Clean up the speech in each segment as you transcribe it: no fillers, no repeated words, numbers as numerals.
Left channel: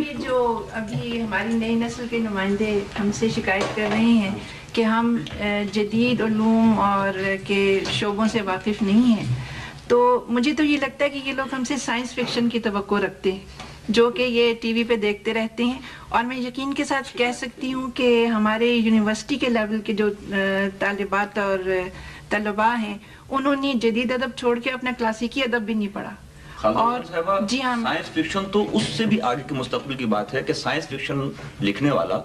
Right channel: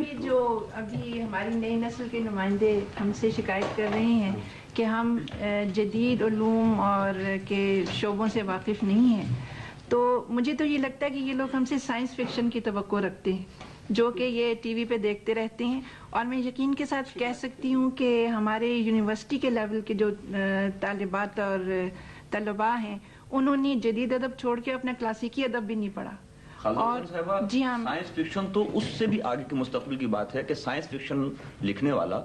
صاحب یہ جو ابھی ہماری نئی نسل کے نمائندے ہم سے شکایت کر رہے ہیں کہ ہم جدید علوم اور کے شعبوں سے واقف نہیں ہیں، تو مجھے تو یہ لگتا ہے کہ یہ لوگ ہم سے سائنس فکشن کی توقع رکھتے ہیں جو کہ یہ ٹی وی پہ دیکھتے رہتے ہیں. اور میں یقین کے ساتھ کہہ سکتی ہوں کہ ہمارے یونیورسٹی کے لیول کے جو طالبات اور طلباء ہیں انہوں نے جدید ادب چھوڑ کے اپنا کلاسیکی ادب بھی نہیں پڑھا. اور جی ہاں، سائنس فکشن تو اس سے بھی آگے کے مستقبل کی بات ہے کہ سائنس فکشن لکھنے والا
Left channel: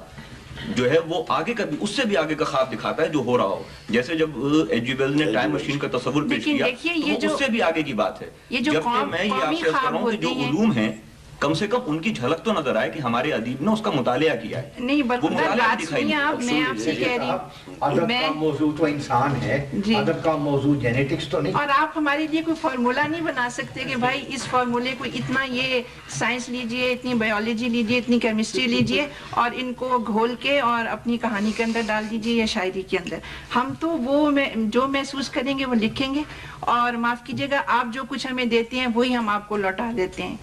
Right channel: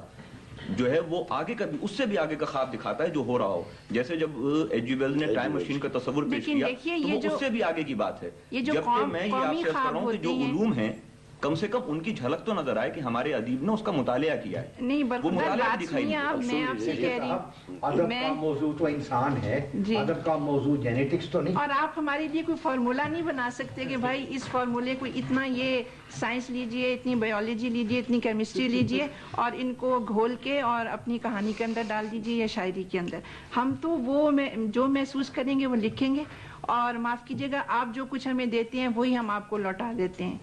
جو ہے وہ آگے کا بھی، اس سے بھی آگے کا خواب دکھاتا ہے جو ہو رہا ہو. جیسے جب ایچ جی ویلز نے ٹائم مشین کا تصور پیش کیا تو اس سے بھی آگے کی بات ہے. جبکہ میں یہ آپ سے کہہ رہا ہوں کہ جو علوم ہیں کم سے کم ان کی جھلک تو نظر آئے کہ ہمارے ادیب نے اس کا مطالعہ کیا ہے. نہیں برخودار بات سنیے آپ، میں آپ سے کہہ رہی ہوں ادب کا موضوع تو انسان ہے، ادب کا موضوع جینیٹکس تو نہیں. اور آپ ہمارے لیے کوئی فارمولا نہیں بنا سکتے کہ بھائی اس فارمولے کو اتنا یہ سائنس لیجئے، اتنی بایولوجی لیجئے، اتنی کیمسٹری لیجئے اور ان کو گھول کے اور اپنی کہانی کے اندر ڈال دیجئے یا شاعری کے اندر. ہم تو وہ جو محسوس کریں گے وہ لکھیں گے، اور معاف کیجئے گا آپ جو کچھ ہمیں دیتے ہیں وہی ہم آپ کو لوٹا دیتے ہیں.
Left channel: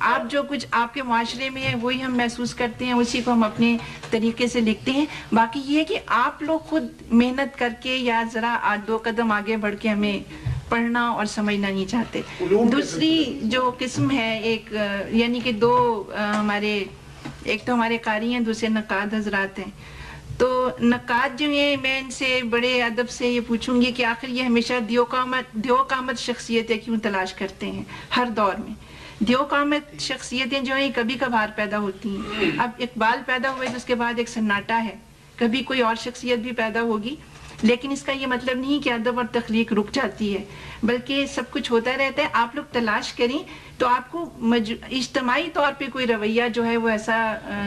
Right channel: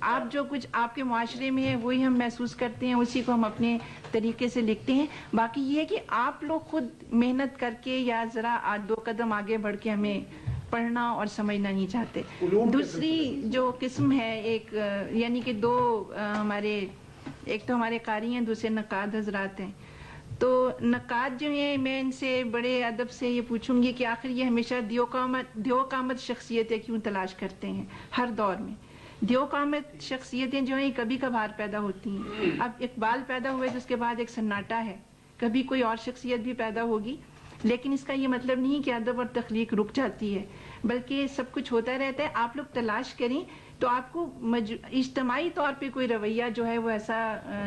آپ جو کچھ آپ کے معاشرے میں ہے وہی ہم محسوس کرتے ہیں، اسی کو ہم اپنے طریقے سے لکھتے ہیں. باقی یہ کہ آپ لوگ خود محنت کر کے یا ذرا 2 قدم آگے بڑھ کے ہمیں پڑھنا اور سمجھنا نہیں چاہتے. دوسری جو قسم ہے ایک یعنی کہ 2 ہمارے، ایک تو ہمارے قاری ہیں، دوسرے نقاد حضرات ہیں. تو نقاد جو ہیں میں ان سے بڑے ادب سے یہ پوچھوں گی کہ آخر یہ ہمیشہ دیو قامت شخصیتیں کیوں تلاش کرتے ہیں ہر دور میں؟ دیو قامت شخصیتیں جو ہیں کبھی کبھار پیدا ہوتی ہیں. اب اقبال پیدا ہوئے تو اس کے بعد ایک سناٹا ہے، کبھی کوئی اور شخصیت بھی پیدا ہوگی، لیکن اس کا یہ مطلب نہیں کہ ادب اور تخلیق رک جاتی ہے، بلکہ سب کچھ ہوتا رہتا ہے. آپ لوگ تلاش کریں تو آپ کو اجتماعی طور پہ کوئی رویہ جو ہے وہ ایسا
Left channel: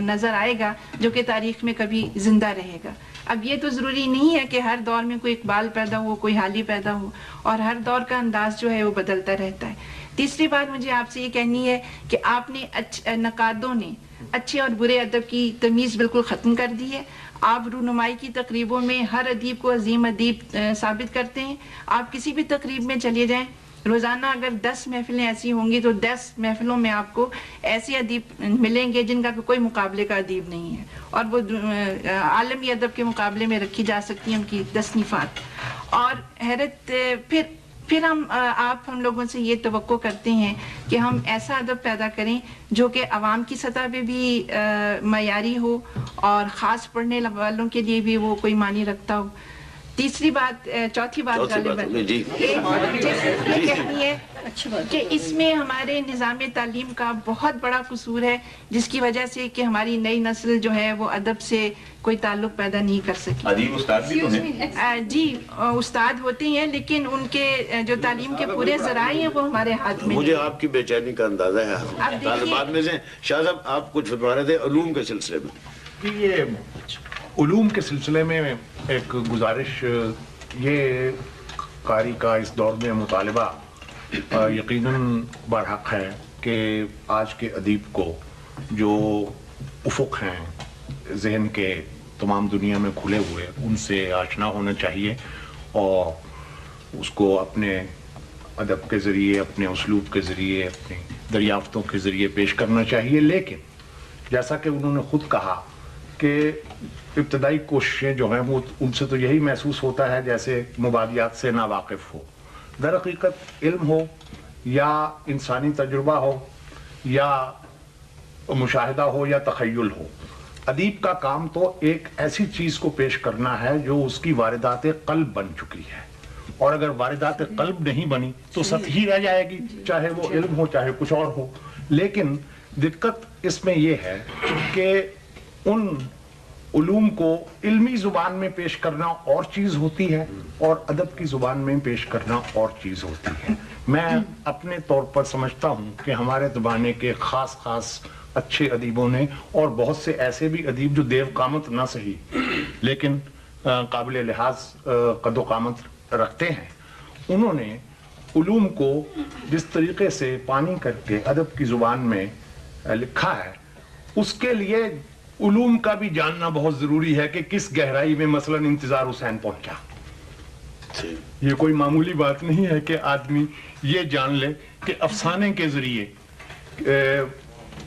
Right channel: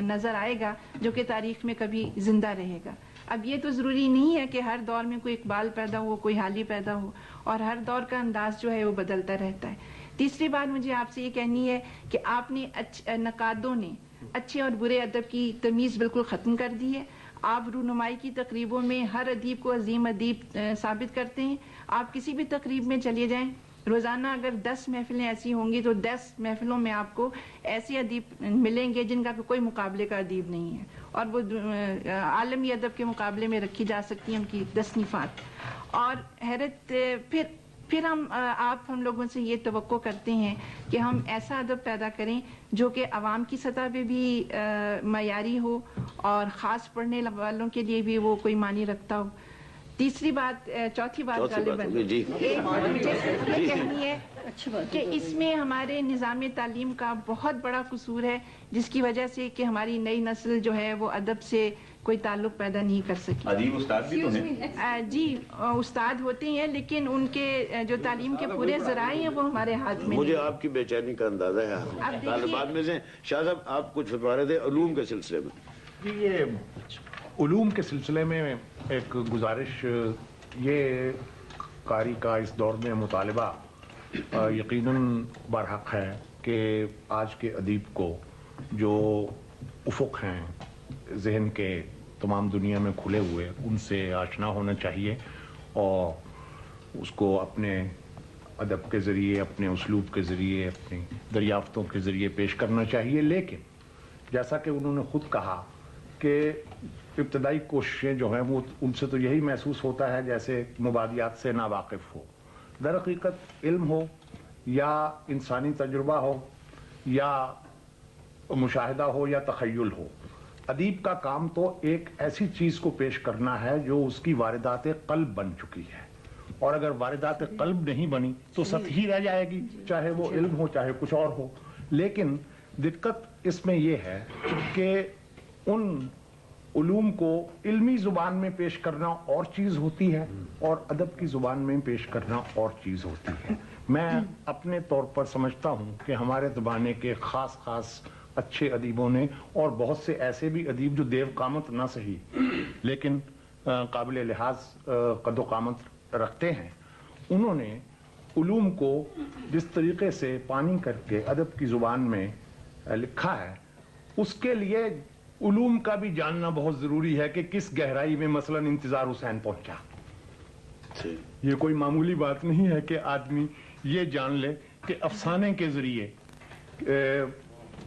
نظر آئے گا جو کہ تاریخ میں کبھی زندہ رہے گا. اب یہ تو ضروری نہیں ہے کہ ہر دور میں کوئی اقبال پیدا ہو، کوئی حالی پیدا ہو، اور ہر دور کا انداز جو ہے وہ بدلتا رہتا ہے. تیسری بات مجھے آپ سے یہ کہنی ہے کہ آپ نے نقادوں نے اچھے اور برے ادب کی تمیز بالکل ختم کر دی ہے. آپ رونمائی کی تقریبوں میں ہر ادیب کو عظیم ادیب ثابت کرتے ہیں. آپ کسی بھی تقریب میں چلے جائیں، روزانہ اگر 10 محفلیں ایسی ہوں گی تو 10 محفلوں میں آپ کو ایسے ادیب ملیں گے جن کا کوئی مقابلے کا ادیب نہیں ہے، اور وہ عالمی ادب کے مقابلے میں رکھی جا سکتی ہیں ان کی تصنیفات. اور حیرت پھر ہم لوگوں سے یہ توقع کرتے ہیں کہ ہم ایسا ادب پیدا کریں جو کہ عوام کی سطح پہ بھی معیاری ہو اور خاص پڑھنے والوں کے لیے بھی وہ کوئی معنی رکھتا ہو. تیسری بات، چوتھی بات غالباً یہ کہنی ہے کہ اس میں ہمارے نظام تعلیم کا بہت بڑا قصور ہے، جس کی وجہ سے کہ ہماری نئی نسل جو ہے وہ ادب سے کوئی تعلق پیدا نہیں کر سکی. ادیب استاد بھی تو ہیں. جی استاد ہوتے ہیں، لیکن ان کے جو تعلیم کے پورے ذرائع ہیں وہ ہمارے ہاتھ میں. مجھے آپ کی بے چینی کا اندازہ ہے. طالبات میں سے شاہ صاحب آپ کچھ فرما رہے تھے علوم کے سلسلے میں. یہ علوم کے سلسلے میں ایک گزارش، یہ قاری کا اس دور میں مطالبہ یقیناً برحق ہے کہ آج کے ادیب کو جو افق ہیں ذہن کے تمام دنیا میں کھلے ہوئے ان سے آشنا ہونا چاہیے، اور اس کو اپنے ادب کے ذریعے، اپنے اسلوب کے ذریعے، اپنی دریافتوں کے ذریعے پیش کرنا چاہیے. لیکن جیسا کہ انہوں نے خود کہا کہ ابتدائی کوششیں جو ہیں وہ ان سے تو یہی محسوس ہوتا ہے جیسے مبادیات سے ناواقف ہو. در حقیقت علم ہو یا انسانی تجربہ ہو یا مشاہدہ ہو یا تخیل ہو، ادیب کا کام تو ایک ایسی چیز کو پیش کرنا ہے جو اس کی واردات قلب بن چکی ہے، اور اگر واردات قلب نہیں بنی تو سطحی رہ جائے گی، چاہے وہ علم ہو چاہے کچھ اور ہو. لیکن دقت اس میں یہ ہے کہ ان علوم کو علمی زبان میں پیش کرنا اور چیز ہوتی ہے اور ادب کی زبان میں پیش کرنا اور چیز ہوتی ہے. میں اپنے طور پر سمجھتا ہوں کہ ہمارے زمانے کے خاص اچھے ادیبوں نے، اور بہت سے ایسے بھی ادیب جو دیو قامت نہ صحیح لیکن قابل لحاظ قد و قامت رکھتے ہیں، انہوں نے علوم کو جس طریقے سے پانی کر کے ادب کی زبان میں لکھا ہے، اس کے لیے علوم کا بھی جاننا بہت ضروری ہے کہ کس گہرائی میں مثلا انتظار حسین پہنچا. یہ کوئی معمولی بات نہیں ہے کہ آدمی یہ جان لے کہ افسانے کے ذریعے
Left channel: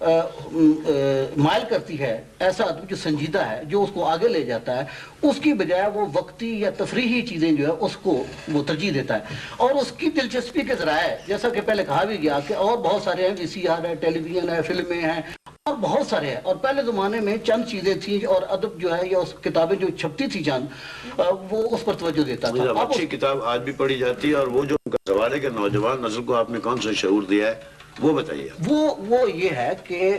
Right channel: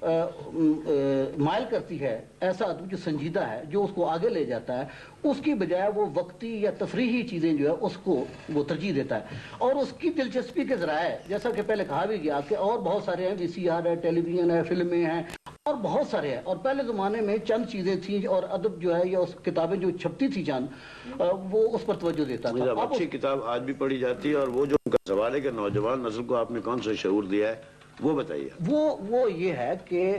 مائل کرتی ہے، ایسا ادب جو سنجیدہ ہے، جو اس کو آگے لے جاتا ہے، اس کی بجائے وہ وقتی یا تفریحی چیزیں جو ہے اس کو وہ ترجیح دیتا ہے. اور اس کی دلچسپی کے ذرائع جیسا کہ پہلے کہا بھی گیا کہ اور بہت سارے ہیں، VCR ہے، ٹیلی ویژن ہے، فلمیں ہیں اور بہت سارے ہیں. اور پہلے زمانے میں چند چیزیں تھیں اور ادب جو ہے یا اس کتابیں جو چھپتی تھی چند وہ اس پر توجہ دیتا تھا. اچھی کتاب آج بھی پڑھی جاتی ہے. اور وہ جو سوال ہے کہ نوجوان نسل کو آپ نے کون سا شعور دیا ہے وہ بتائیے. وہ یہ ہے کہ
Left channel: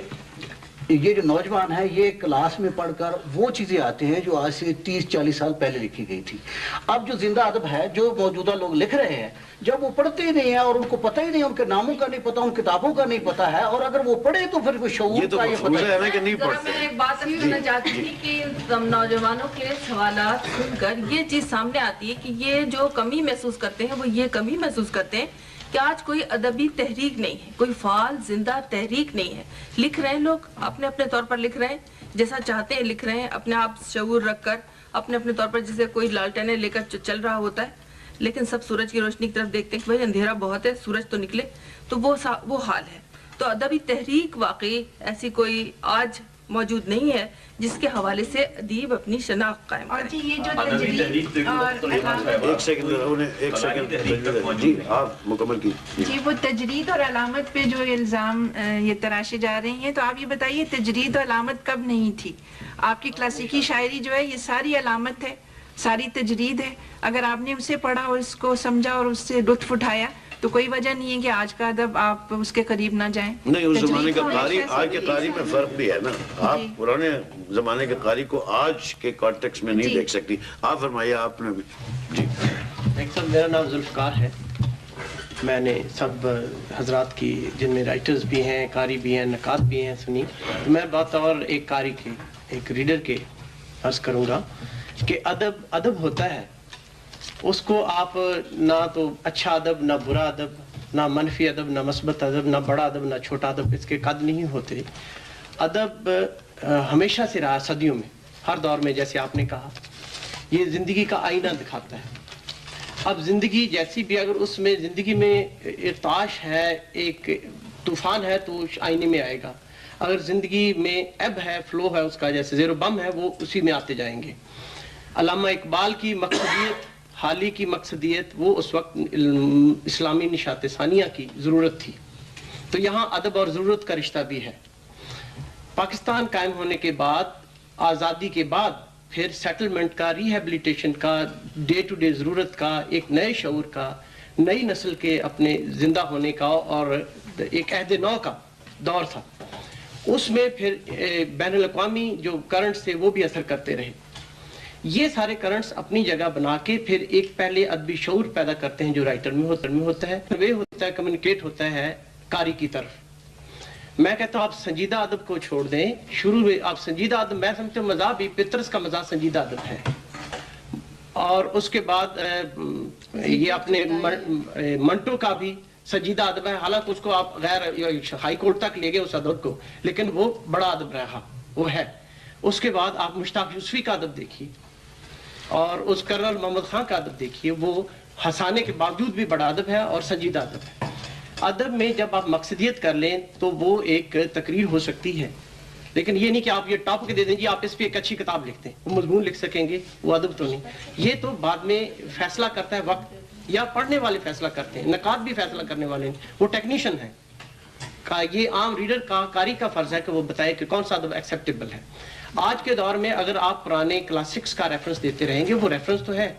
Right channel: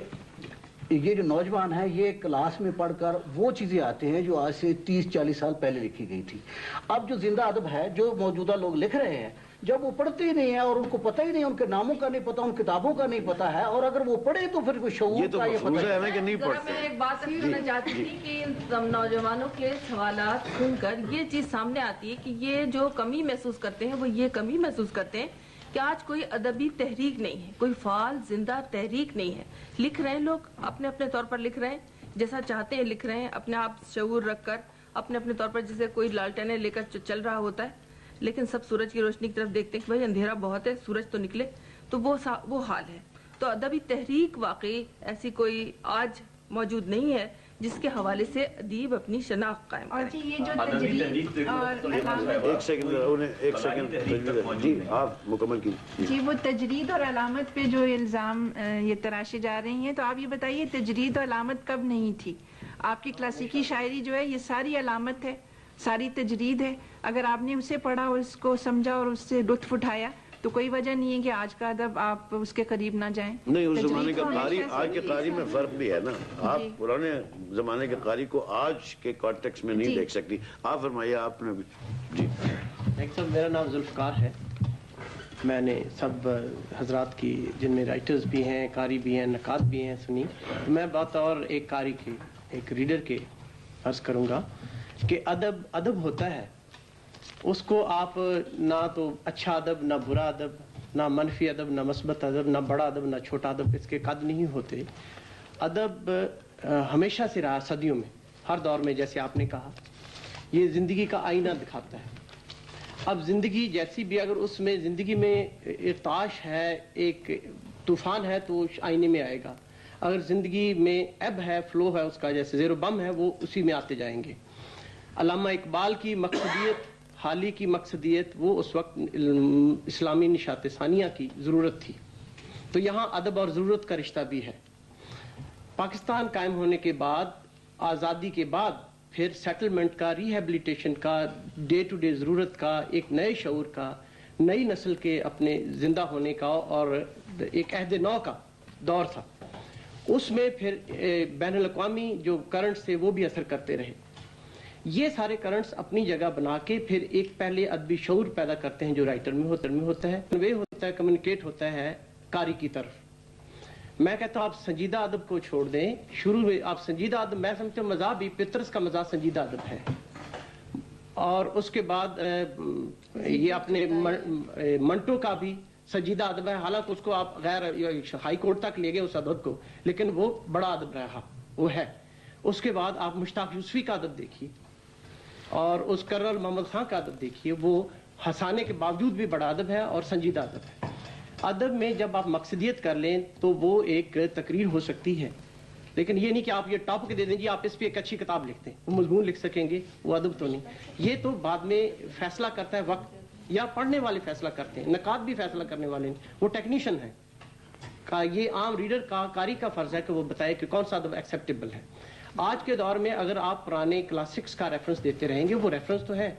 یہ جو نوجوان ہے یہ کلاس میں پڑھ کر وہ چیزیں آتے ہیں جو آج سے 30-40 سال پہلے لکھی گئی تھی. اب جو زندہ ادب ہے جو موجودہ لوگ لکھ رہے ہیں جب وہ پڑھتے ہی نہیں ہیں اور ان کو پتہ ہی نہیں، ان کے ناموں کا نہیں پتہ، ان کتابوں کا نہیں پتہ ہے، اور اگر وہ پڑھے تو پھر کوئی شعور کا یہ پتہ ہے نا کہ نہیں میں پڑھتے. ایک بات کرنا چاہتی تھی کہ نوجوانوں کے سوالات سن کر یہ چیز سامنے آتی ہے کہ یہ جو کمی محسوس کرتے ہیں وہ یہ کمی محسوس کرتے ہیں کہ آج کوئی ادبی تحریک نہیں ہے، کوئی فعال زندہ تحریک نہیں ہے. لکھ رہے ہیں لوگ اپنے اپنے طور پر لکھ رہے ہیں، جیسا چاہتے ہیں لکھ رہے ہیں، اپنے آپ شعور رکھ کر اپنے اپنے طور پر، جیسے کوئی لالٹینیں لے کر چل رہا ہوتا ہے، لیکن سب سورج کی روشنی کی طرف دیکھتے ہیں کہ بھائی اندھیرا بہت ہے، سورج تو نکلے. تو وہ حال ہے. تو ادبی تحریک واقعی ایسی کوئی آج موجود نہیں ہے جس کے حوالے سے ادیب اپنی شناخت قائم کرے. اور جی یہ جو تجرید اور علامت، ایک سیکنڈ جی آپ مکمل کی. جی وہ تجرید اور علامت پہ جو الزام یہ تراشے جا رہے ہیں، تو آپ یہ بتائیے تجرید اور علامت کب نہیں تھی؟ آپ کی کلاسیکی شاعری جو ہے یہ ساری علامت ہے، ساری تجرید ہے. اگر آپ نے اسے پڑھا اور اس کو سمجھا اور اس سے لطف اٹھایا تو کوئی وجہ نہیں ہے کہ آج کا ادب آپ اس کے قریب نہ جائیں. نہیں، اس زمانے کا قاری آج کے قاری میں فرق بھی ہے نا. آپ پرانے زمانے کے قاری کو آج کے کانٹیکس میں نہیں دیکھ سکتی. آپ فرمائیے. آپ نے جی صاحب میرا نام ذوالفقار ہے. میں نے سب حضرات کی جن میں رائٹرز بھی ہیں، قاری بھی ہیں، نقاد بھی ہیں سنی. میں بطور ایک قاری کے، ایک ریڈر کے عرض کروں گا کہ ادب ہوتا ہے، اس کو آپ نہ تو اچھا ادب، نہ برا ادب، نہ منفی ادب، نہ مثبت ادب، نہ بڑا ادب، نہ چھوٹا ادب، اس کے قد نہیں ہوتے. ادب ہمیشہ سے رہا، صدیوں میں، ہر دور میں. جیسے آپ نے کہا یہ زندگی کا آئینہ دکھاتا ہے. اب زندگی جیسی بھی، اگر اس میں زندگی میں ارتعاش ہے، ایک طوفان ہے تو آئینے میں آئے گا. اگر زندگی میں اب ہے، فلو ہے اس کا، جیسے زیر و بم ہے، وہ اسی میں آتے جائیں گے. علامہ اقبال کی مقصدیت، حالی کی مقصدیت، وہ اس وقت اسلامی نشاط ثانیہ کی ضرورت تھی. تو یہاں ادب اور ضرورت کا رشتہ بھی ہے. پاکستان قائم ہونے کے بعد، آزادی کے بعد، پھر سیٹلمنٹ کا، ریہیبلیٹیشن کا، ڈے ٹو ڈے ضرورت کا، ایک نئے شعور کا، نئی نسل کے اپنے زندہ ہونے کا اور ایک عہد نو کا دور تھا. اس میں پھر بین الاقوامی جو کرنٹس تھے وہ بھی اثر کرتے رہے. یہ سارے کرنٹس اپنی جگہ بنا کے پھر ایک پہلے ادبی شعور پیدا کرتے ہیں جو رائٹر میں ہوتا ہے، کنوے ہوتا ہے، کمیونیکیٹ ہوتا ہے قاری کی طرف. میں کہتا ہوں آپ سنجیدہ ادب کو چھوڑ دیں. شروع میں آپ سنجیدہ ادب، میں سمجھتا ہوں مزاح بھی، پطرس کا مزاح سنجیدہ ادب ہے. اور اس کے بعد یہ اپنے منٹو کا بھی سنجیدہ ادب ہے. حالانکہ اس کو آپ غیر ہائی کورٹ تک لے گئے اس ادب کو، لیکن وہ بڑا ادب رہا، وہ ہے. اس کے بعد آپ مشتاق یوسفی کا ادب دیکھیے اور اس کرنل محمد خان کا ادب دیکھیے. وہ ہنسانے کے باوجود بھی بڑا ادب ہے اور سنجیدہ ادب ہے. ادب میں جب آپ مقصدیت کر لیں تو وہ ایک تقریر ہو سکتی ہے، لیکن یہ نہیں کہ آپ یہ ٹاپک دے دیں جی آپ اس پہ ایک اچھی کتاب لکھتے ہیں، وہ مضمون لکھ سکیں گے، وہ ادب تو نہیں. یہ تو بعد میں فیصلہ کرتا ہے وقت، یا پڑھنے والے فیصلہ کرتے ہیں. نقاد بھی فیصلہ کرنے والے ہیں، وہ ٹیکنیشین ہے. یہ عام ریڈر کا، قاری کا فرض ہے کہ وہ بتائے کہ کون سا ادب ایکسیپٹیبل ہے. آج کے دور میں اگر آپ پرانے کلاسکس کا ریفرنس دیتے رہیں گے، وہ ریفرنس تو ہے